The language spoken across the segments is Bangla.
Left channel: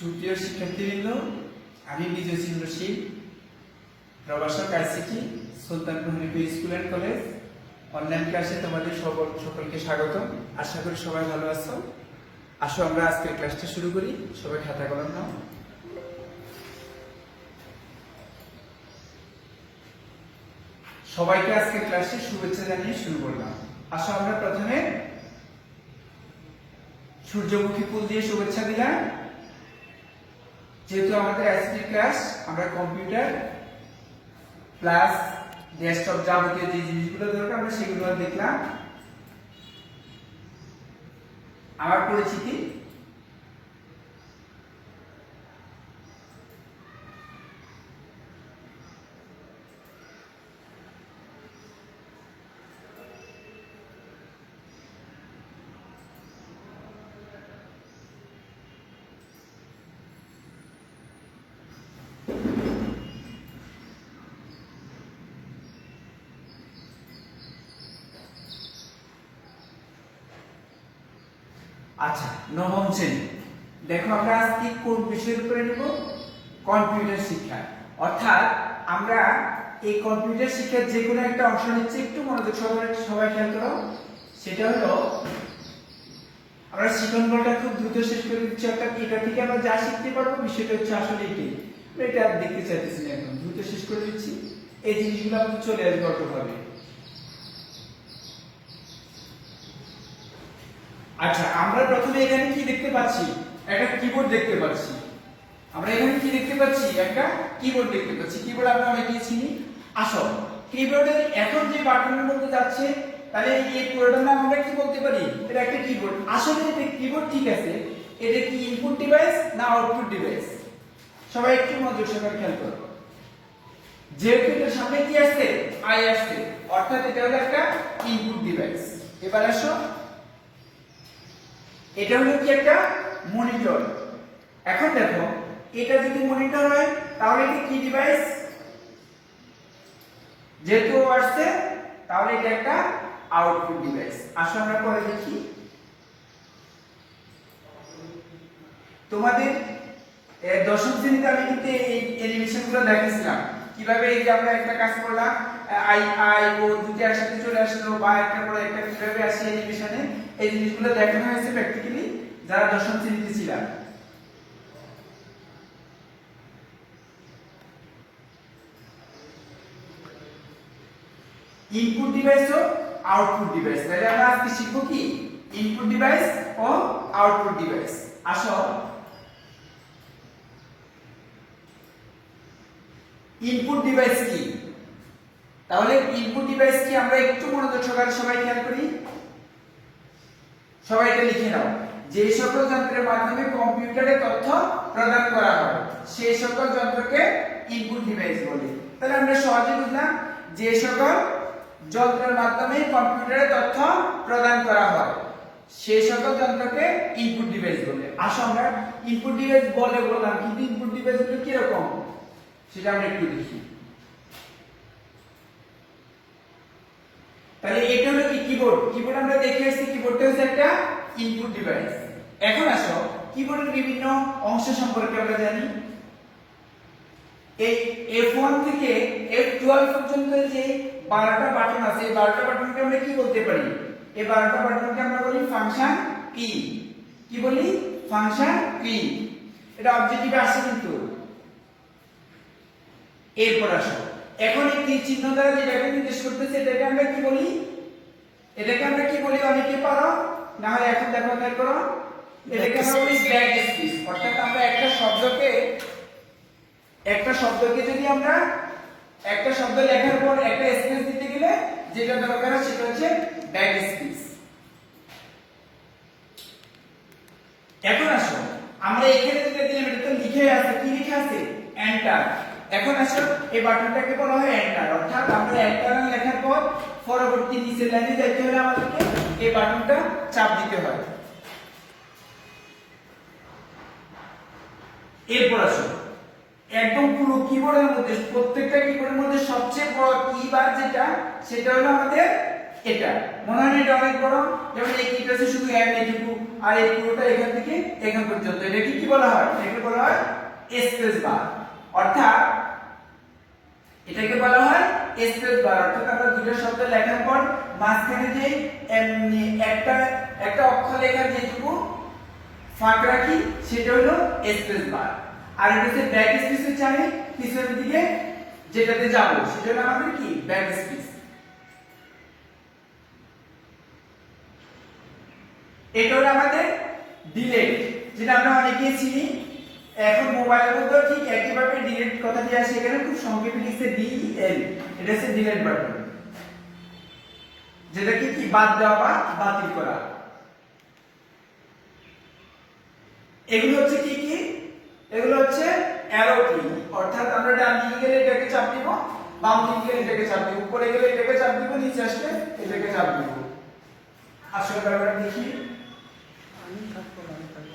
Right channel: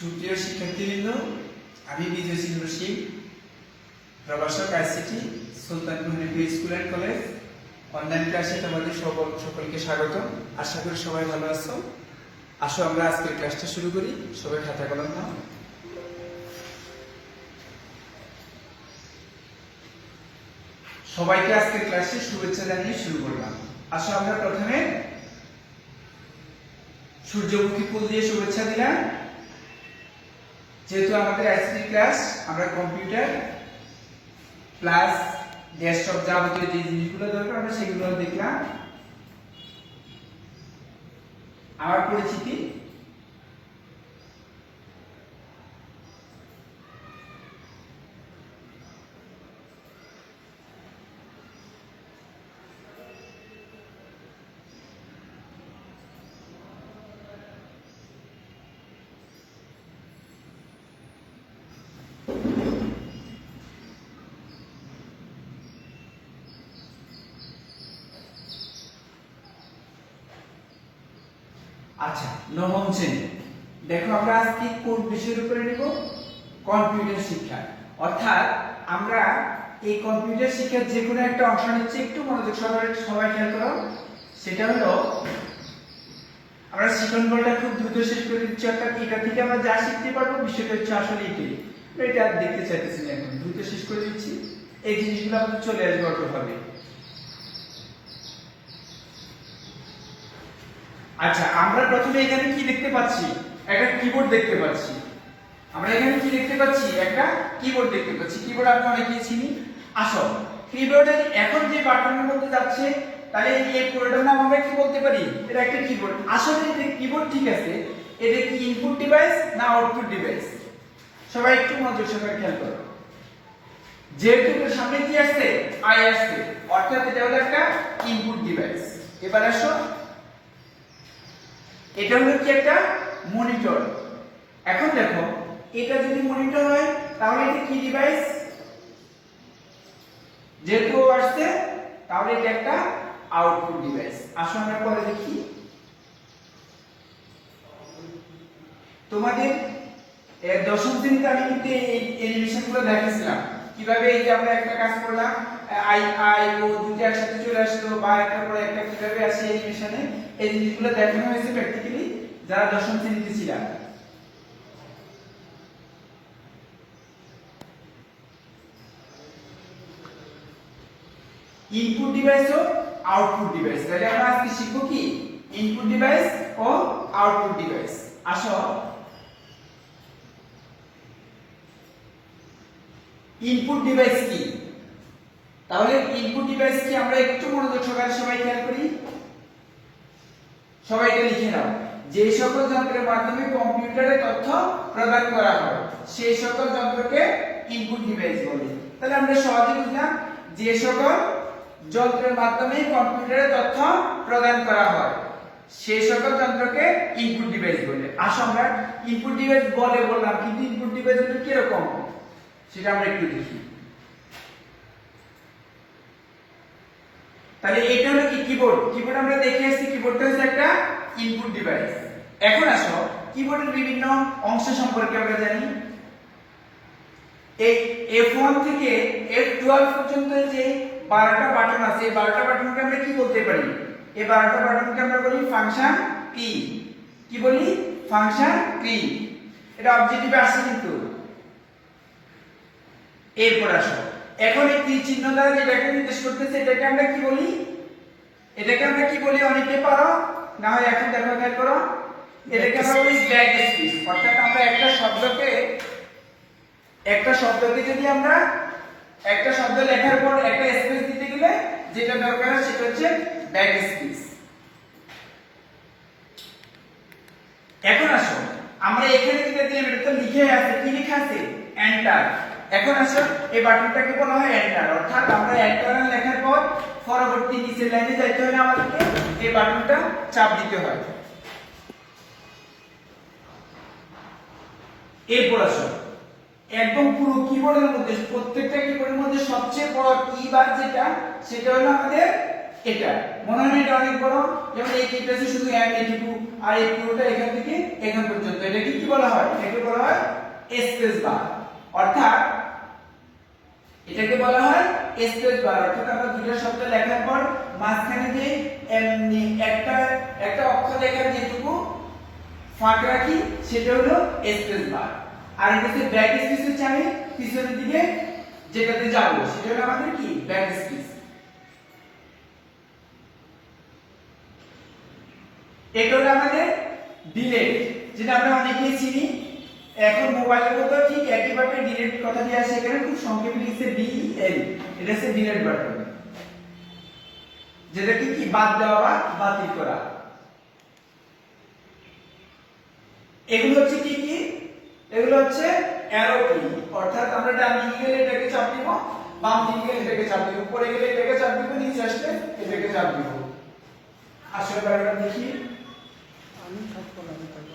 সুপ্রিয় শিক্ষার্থীবৃন্দ, আমি বিজয় সিং রশিদ, প্রভাষক ICT Sultanpur Hanif school and college online ক্লাসে তোমাদের সকলকে স্বাগত। আশা করি সবাই ভালো আছো। আসো আমরা আজকের ক্লাসটা শুরু করি। সবাই খাতা কলম নাও। সবাইকে আজকের ক্লাসে শুভেচ্ছা জানিয়ে শুরু করলাম। আসো আমরা প্রথমে সূর্যমুখী ফুল দিয়ে শুভেচ্ছা দিলাম। যেহেতু আমাদের আইসিটি ক্লাস, আমরা কম্পিউটার প্লাস ডেস্কটপ যাবতীয় যে জিনিসগুলো দরকার আমরা সেগুলো দেখলাম। আমার পরিচিতি, আচ্ছা নবম শ্রেণী। দেখো আমরা আজকে কোন বিষয়ের উপরে নিব? কম্পিউটার শিক্ষা। অর্থাৎ আমরা এই কম্পিউটার শিক্ষার যে কোনো একটা অংশ নিচ্ছি, একটু মনোযোগ সহকারে সবাই খেয়াল করো। সেটা হলো আমরা শিক্ষণগুলোটা খুব দ্রুত শেষ করে দিচ্ছি। অর্থাৎ এটা থেকে আমরা যা শিখতে পারবো বিষয়টা হচ্ছে আসলে এটাই। আমরা এটা আর দেখতে চাইতেছি না, একদম দ্রুত শেষ করে দিচ্ছি। এই জিনিসগুলো আমাদের চলে আসবে অটোভাবে। আচ্ছা, আমরা প্রথমে এখানে কি দেখতে পাচ্ছি? একটা কিবোর্ড দেখতে পাচ্ছি। আমরা এখানে কি দেখতে পাচ্ছি? একটা কিবোর্ড দেখতে পাচ্ছি। কিবোর্ড আমরা অনেকেই চিনি। আসো, কিবোর্ডের এখন যে বাটনের মধ্যে যাচ্ছে, তাহলে এই পুরোটার নাম আমরা কি বলতে পারি? এটা একটা কিবোর্ড। আসলে এটা কিবোর্ড, ঠিক আছে। এটা কি ইনপুট ডিভাইস না আউটপুট ডিভাইস? সবাই একটু মনোযোগ সহকারে খেয়াল করো। যেহেতু এর সামনে কি আছে? আই আছে, অর্থাৎ এটা হলো একটা ইনপুট ডিভাইস। এবার আসো, এটা হলো কি? একটা মনিটর। এখন দেখো, এটা যদি মনিটর হয় তাহলে এটা কি ডিভাইস? যেহেতু আসছে তাহলে এটা একটা আউটপুট ডিভাইস। আসো আমরা পরে দেখি। তোমাদের দশম শ্রেণীতে আমি কিন্তু এই অ্যানিমেশন গুলো দেখিয়েছিলাম, কিভাবে এই যে আমরা একটা কাজ করলাম, আই আই ও দুটো একসাথে চলে আসলো বা একটা পর একটা কিভাবে আসে অ্যানিমেশনে, এই জিনিসগুলো দেখানো হয়েছে প্র্যাকটিক্যালি যারা দশম শ্রেণীতে ছিলেন। ইনপুট ডিভাইস ও আউটপুট ডিভাইস, তাহলে আমরা আজকে শিখবো কি? ইনপুট ডিভাইস ও আউটপুট ডিভাইস। আসো, ইনপুট ডিভাইস কি? তাহলে ইনপুট ডিভাইস কি আমরা একটু মনোযোগ সহকারে সবাই খেয়াল করি। সবাই এটা লিখে নাও। যে সকল যন্ত্রের মাধ্যমে কম্পিউটারে তথ্য প্রদান করা হয় সেই সকল যন্ত্রকে ইনপুট ডিভাইস বলে। তাহলে আমরা সহজে বুঝলাম, যে সকল যন্ত্রের মাধ্যমে কম্পিউটারে তথ্য প্রদান করা হয় সেই সকল যন্ত্রকে ইনপুট ডিভাইস বলে। আসো আমরা ইনপুট ডিভাইস বলে বললাম, কিন্তু ইনপুট ডিভাইস হলো কি রকম সেটা আমরা একটু দেখি। তাহলে এটা হলো কি? কিবোর্ড। কিবোর্ড আমরা দেখে আসছি, কিবোর্ডটা হচ্ছে একটা ইনপুট ডিভাইস। এখন আসো, কিবোর্ডের বিভিন্ন অংশ সম্পর্কে আমরা জানি। এই F1 থেকে F12 পর্যন্ত যে 12টা বাটন আছে, এই 12টা বাটনকে আমরা কি বলতে পারি? এই 12টা বাটনকে আমরা বলি ফাংশন কি। কি বলি? ফাংশন কি। এটা অবজেক্টিভে আসে কিন্তু। এরপর আসো, এখন এই তীর চিহ্ন দ্বারা যেটাকে নির্দেশ করতেছে এটাকে আমরা কি বলি? এটাকে আমরা কি বলি? অনেকে পারো না হয় এখন দেখো, খেয়াল করো। এটাকে আমরা বলি ব্যাক স্পেস। অর্থাৎ আমরা একটা শব্দকে যদি আমরা একটা শব্দ লেখার পর একটা স্পেস দিতে গেলে যেটা দরকার হয় সেটা হচ্ছে ব্যাক স্পেস। এখন আসো, আমরা এখানে যেটা দিলাম এটা তো লিখে আছে। কি লেখা আছে? এন্টার। এখন আসো, এই বাটনটাকে বলা হয় এন্টার। অর্থাৎ আমরা এন্টার লেখার পর পরবর্তী নিচের লাইনে যাইতে হলে আমাদেরকে এই বাটনটা চাপ দিতে হয়। এরপর আসো, একদম পুরো কিবোর্ডের মধ্যে, প্রত্যেকটা কিবোর্ডের মধ্যে সবচেয়ে বড় কি বার যেটা, সেটা হলো আমাদের এটা মনে হয় এটা অনেক বড়, যেমন এই কিটা আছে শুধু এটুকু, আর এই পুরোটা এখান থেকে এখান পর্যন্ত, এটাকে কি বলা হয়? এটাকে বলা হয় স্পেস বার। অর্থাৎ এটাকে বলা হয় স্পেস বার। অর্থাৎ আমরা দুটো শব্দ লেখার পর মাঝখানে যে একটা একটা অক্ষর লেখার যেটুকু ফাঁক রাখি সেটা হলো স্পেস বার। আর এটা হচ্ছে ব্যাক স্পেসের চাবি, পিছনের দিকে যেটাতে যাব সেটা হলো আমাদের কি ব্যাক স্পেস। এটা হলো আমাদের ডিলেট, যেটা আমরা অনেকেই চিনি। এখন মোবাইলের মধ্যে ঠিক একইভাবে ডিলেট কথাটি আসে, এখানে খুব সংক্ষেপে লিখছে ডিএল, এটা হচ্ছে ডিলেট বাটন, যেটা কি বাদ দেওয়া বা বাতিল করা। এগুলো হচ্ছে কি কি? এগুলো হচ্ছে অ্যারো কি, অর্থাৎ আমরা ডান দিকে গেলে এটাকে চাপ দিব, বাম দিকে গেলে এটাকে চাপ দিব, উপরে গেলে এটাকে চাপ দিব, নিচে আসলে এটাকে চাপ দিব। আসলে ব্যাপারটা দেখি,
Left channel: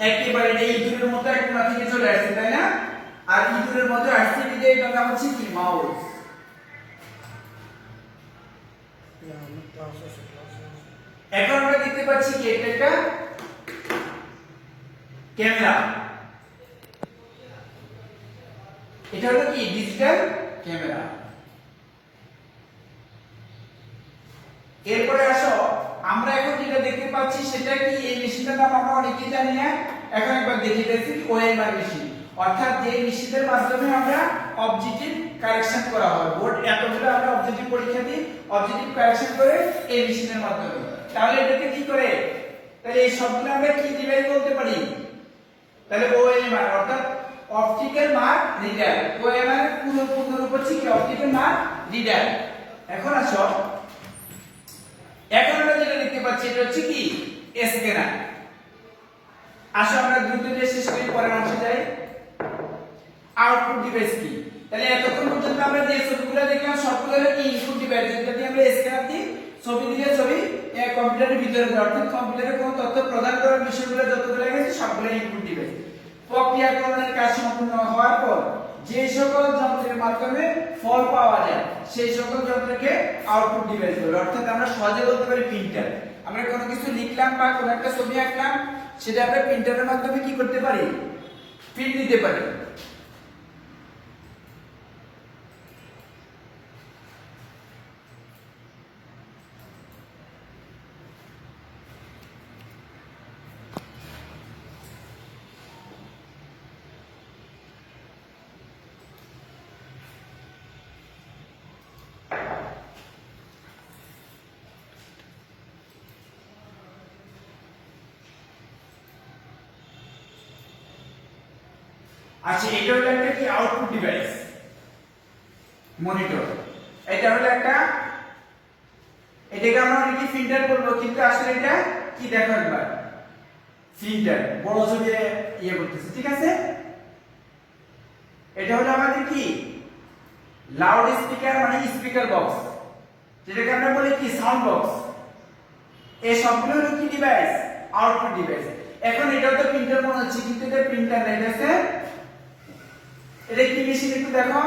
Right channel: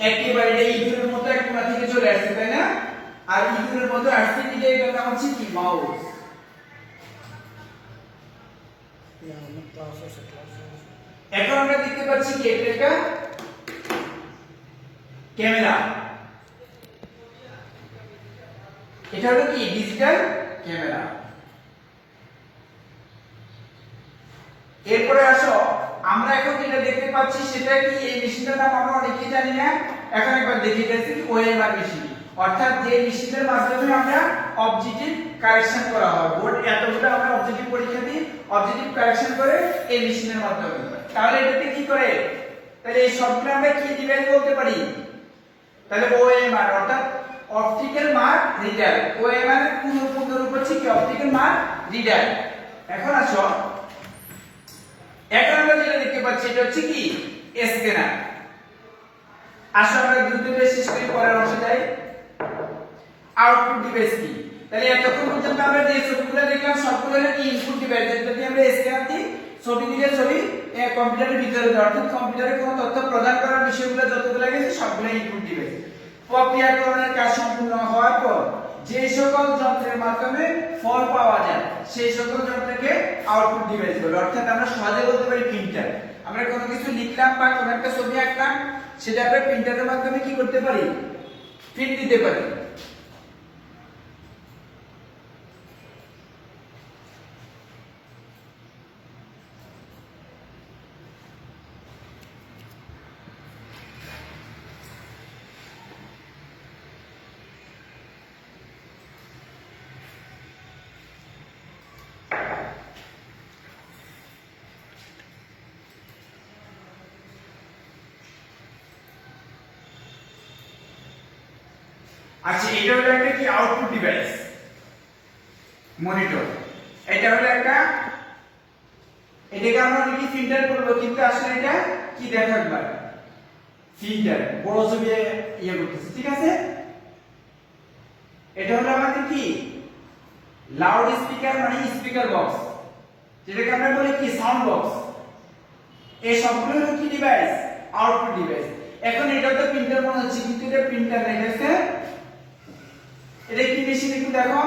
একেবারে এই ইঁদুরের মতো এক কোণা থেকে চলে আসছে, তাই না? আর ইঁদুরের মধ্যে আসছে এটা, এটার নাম হচ্ছে কি মাউস। এখন আমরা দেখতে পাচ্ছি কি এটা একটা ক্যামেরা, এটা হলো কি ডিজিটাল ক্যামেরা। এরপরে আসো, আমরা এখন যেটা দেখতে পাচ্ছি সেটা কি, এই মেশিনটার নাম আমরা অনেকেই জানি না, এখন একবার দেখে গেছি ওএমআর মেশিন। অর্থাৎ যে মেশিনের মাধ্যমে আমরা অবজেক্টিভ কারেকশন করা হয়, বোর্ড এতগুলো আমরা অবজেক্টিভ পরীক্ষা দিই, অবজেক্টিভ কারেকশন করে এই মেশিনের মাধ্যমে। তাহলে এটাকে কি করে, তাহলে এই সবগুলো আমরা কি ডিভাইস বলতে পারি? তাহলে ওএমআর অর্থাৎ অপটিক্যাল মার্ক রিডার। ওএমআর এর পূর্ণ রূপ হচ্ছে কি অপটিক্যাল মার্ক রিডার। এখন আসো, এখন আমরা যেটা দেখতে পাচ্ছি এটা হচ্ছে কি স্ক্যানার। আসো আমরা দ্রুত শেষ করে পরের অংশে যাই। আউটপুট ডিভাইস কি? তাহলে এতক্ষণ পর্যন্ত আমরা যে ছবিগুলো দেখলাম সবগুলো হলো কি ইনপুট ডিভাইস, যেটাতে আমরা স্ক্যানার দিই, ছবি দিলে ছবি কম্পিউটারের ভিতরে যায়, অর্থাৎ কম্পিউটারে কোনো তথ্য প্রদান করার বিষয়গুলো যতগুলো গেছে সবগুলো ইনপুট ডিভাইস। প্রক্রিয়াকরণের কাজ সম্পূর্ণ হওয়ার পর যে সকল যন্ত্রের মাধ্যমে ফল পাওয়া যায় সেই সকল যন্ত্রকে আউটপুট ডিভাইস বলে। অর্থাৎ আমরা সহজে বলতে পারি প্রিন্টার। আমরা কোনো কিছু লিখলাম বা কোনো একটা ছবি আঁকলাম, সেটা আমরা প্রিন্টারের মাধ্যমে কি করতে পারি? প্রিন্ট দিতে পারি। আচ্ছা, এটা হলো একটা কি আউটপুট ডিভাইস, মনিটর। এটা হলো একটা, এটাকে আমরা অনেকে ফিল্টার বলবো, কিন্তু আসলে এটা কি দেখো একবার, ফিল্টার বড় ছবি ইয়ে করতেছে, ঠিক আছে? এটা হলো আমাদের কি লাউড স্পিকার, মানে স্পিকার বক্স, যেটাকে আমরা বলি কি সাউন্ড বক্স। এই সবগুলো হলো কি ডিভাইস? Output device. এখন এটা তো প্রিন্টার মনে হচ্ছে, কিন্তু এটা প্রিন্টার না, এটা হচ্ছে, এটা কি মেশিন একটু দেখো,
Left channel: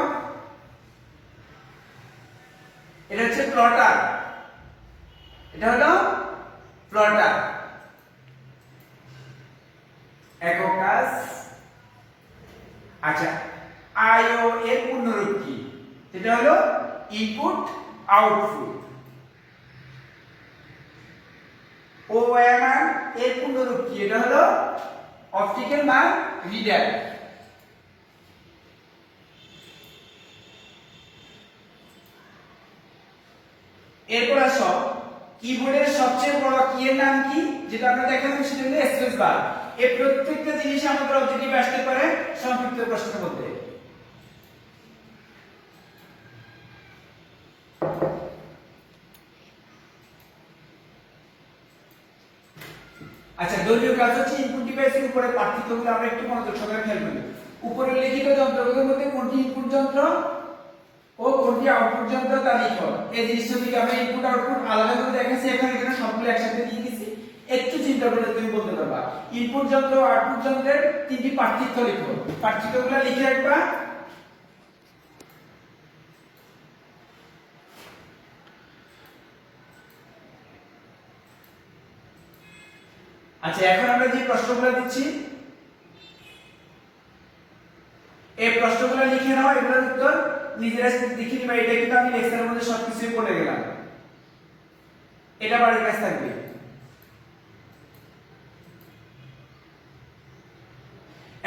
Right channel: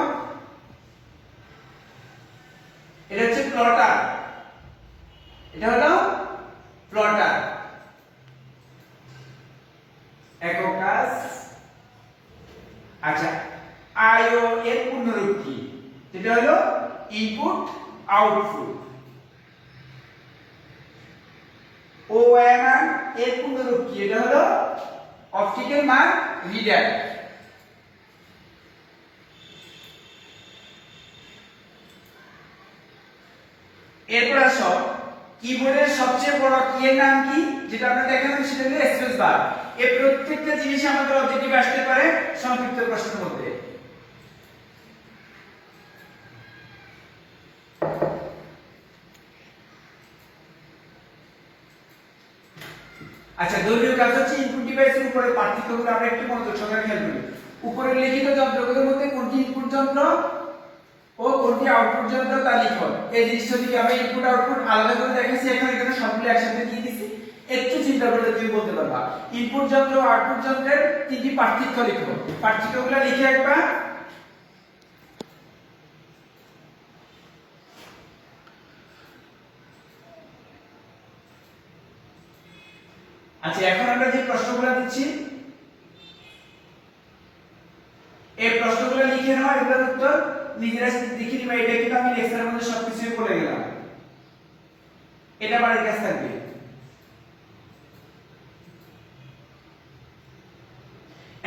এটা হচ্ছে প্লটার। এটা হলো প্লটার, একক কাজ। আচ্ছা, আইও এর পূর্ণরূপ কি? যেটা হলো ইনপুট আউটপুট। ওএমআর এর পূর্ণরূপ কি? এটা হলো অপটিক্যাল মার্ক রিডার। এরপর আসো, কিবোর্ডের সবচেয়ে বড় কি এর নাম কি? যেটা আমরা দেখালাম সেটা হলো স্পেস বার। এই প্রত্যেকটা জিনিস আমাদের অবজেক্টিভ আসতে পারে সংক্ষিপ্ত প্রশ্ন মধ্যে। আচ্ছা, দলীয় কাজ হচ্ছে ইনপুট ডিভাইসের উপরে পার্থক্যগুলো আমরা একটু মনোযোগ সহকারে খেয়াল করি। উপরে লিখিত যন্ত্রগুলোর মধ্যে কোনটি ইনপুট যন্ত্র ও কোনটি আউটপুট যন্ত্র তা লিখো। এই জিনিসটা যদি আমি ইনপুট আউটপুট আলাদা করে দেখাচ্ছি, এখন এখানে সবগুলো একসাথে দিয়ে দিচ্ছি, একটু চিন্তা করে তুমি বলতে পারবা। ইনপুট যন্ত্র ও আউটপুট যন্ত্রের তিনটি পার্থক্য লিখো। পার্থক্যগুলো লিখে একবার। আচ্ছা, এখন আমরা যে প্রশ্নগুলো দিচ্ছি এই প্রশ্নগুলো লিখে নাও, এগুলোর উত্তর নিজেরা লিখে নিবা। এটা কিন্তু আমি লেকচারের মধ্যে সবকিছু বলে গেলাম, এটা বাড়ির কাছে থাকবে।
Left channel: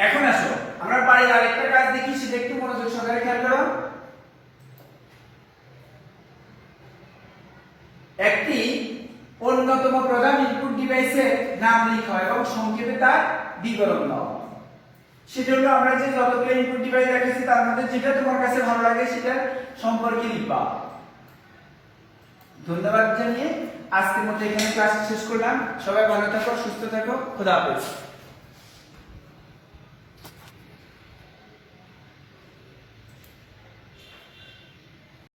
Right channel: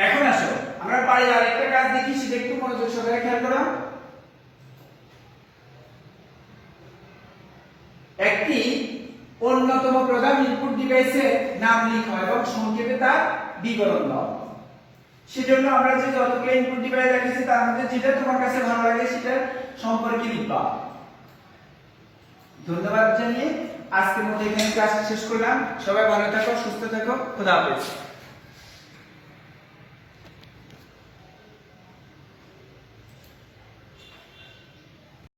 এখন আসো আমরা বাড়ির আরেকটা কাজ দেখি, সেটা একটু মনোযোগ সহকারে খেয়াল করো। একটি অন্যতম প্রধান ইনপুট ডিভাইসের নাম লিখো এবং সংক্ষেপে তার বিবরণ দাও। সেজন্য আমরা যে যতগুলো ইনপুট ডিভাইস রেখেছি তার মধ্যে যেটা তোমার কাছে ভালো লাগে সেটা সম্পর্কে লিখবা। ধন্যবাদ জানিয়ে আজকের মতো এখানে ক্লাস শেষ করলাম। সবাই ভালো থাকো, সুস্থ থাকো, খোদা হাফেজ।